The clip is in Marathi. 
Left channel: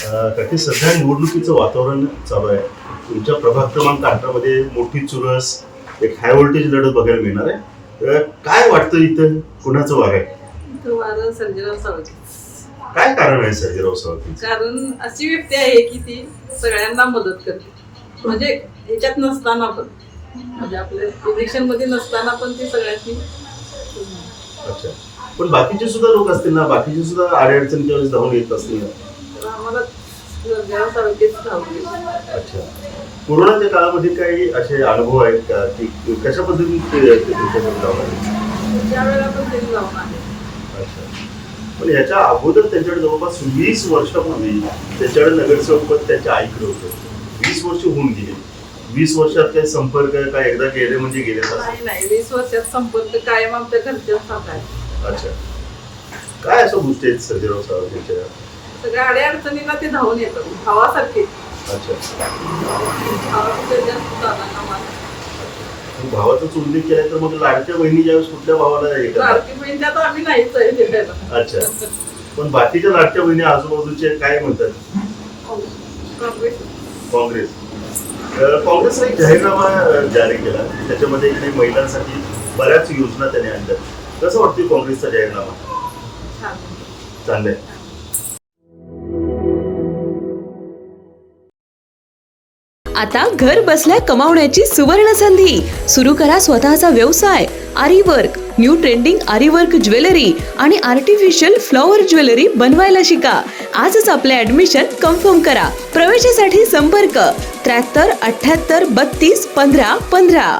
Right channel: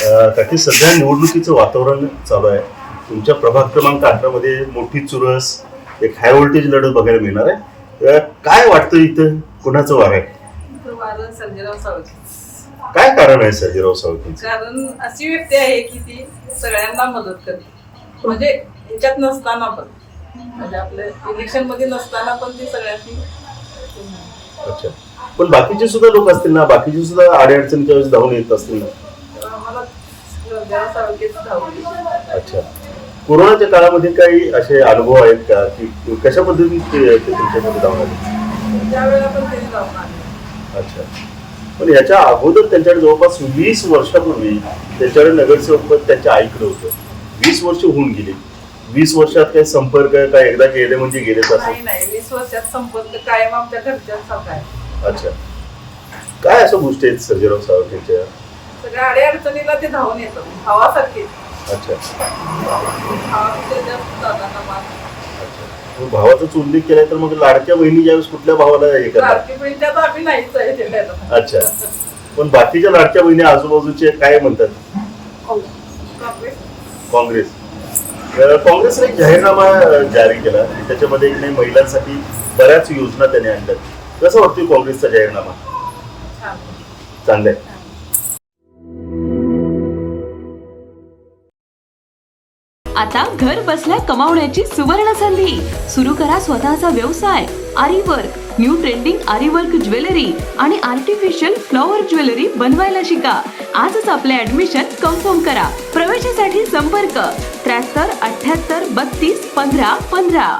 काकी सध्या निवडणुकीचं वातावरण चालू आहे. तुमच्या प्रभाग क्रमांक 18 मध्ये मोठी चुरस, एक हाय व्होल्टेज लढत बघायला मिळणार आहे. काय वाटतं इथं कुणाचं वार आहे? तो वारं सर्जेराव साळुंखे. काय कारण आहे सर्जेराव साळुंखे? कारण अशी व्यक्ती आहे की ती सगळ्यांना मदत करते, म्हणजे ह्याच्यात नसताना पण, म्हणजे आपल्या इलेक्शन मध्ये नसताना पण ती सगळ्यांनी. अच्छा, पण बाकीचे सुद्धा लोक असतील ना, बाकीचे सुद्धा अडचणीच्या वेळेस धावून येत असतील ना. तर आम्हाला सर्जेराव साळुंखेच धावले. अच्छा, कोरोनाच्या काळामध्ये काही असे अनुभव आहेत का की कशा पद्धतीने तुमच्याकडे धावून आले? ज्या वेळेला पण त्यांनी जाऊन आले. अच्छा, पण याच्या अगोदर त्यांच्याकडे जवळपास 20 वर्षापूर्वी त्यांच्याकडे नगरसेवक पद त्यांच्या आईकडे होतं. 20 वर्ष होऊन गेली. 20 वर्षात काही संपर्क काय एकदा गेले म्हणजे गेलेच नाही नाही, 20 वर्षात संपर्क कायम आमच्या घरच्यांसारखा आहे. अच्छा, काय अशा गोष्टी आहेत सर्जेराव साळुंखेच्या? सगळ्या अडचणीला ते धावून येतात, भावासारखे. अच्छा, भावापेक्षा जास्त दादांना मान. मग भावाचाच उल्लेख केलाय तर मग लाडक्या बहिणी ज्यावेळेस कुठल्या भावाला हे करतात? लाडकी बहीण त्यात आम्ही नाहीच आहे द्यायला. अच्छा, पण बाकीच्या लाडक्या बहिणी आजूबाजूचे काय म्हणतात? काँग्रेस. काँग्रेस. काँग्रेसने एक जाहीरनामा जारी केला, त्याच्यामध्ये काही महिलांसाठी बऱ्याच योजना त्याने आणल्या. कसं वाटतं काँग्रेसचा जाहीरनामा? छान. चांगला आहे. आता घर बसल्या कमावण्याची सुवर्ण संधी. सुरू करा स्वतःचा व्यवसाय. आरी वर्क, न्यू ट्रेंडिंग आरी वर्क ज्वेलरी आणि आर्टिफिशियल फ्लॉवर ज्वेलरी बनवायला शिका. आजच आपले ऍडमिशन कन्फर्म करा. प्रवेशासाठी संपर्क 73 78 32 15 15.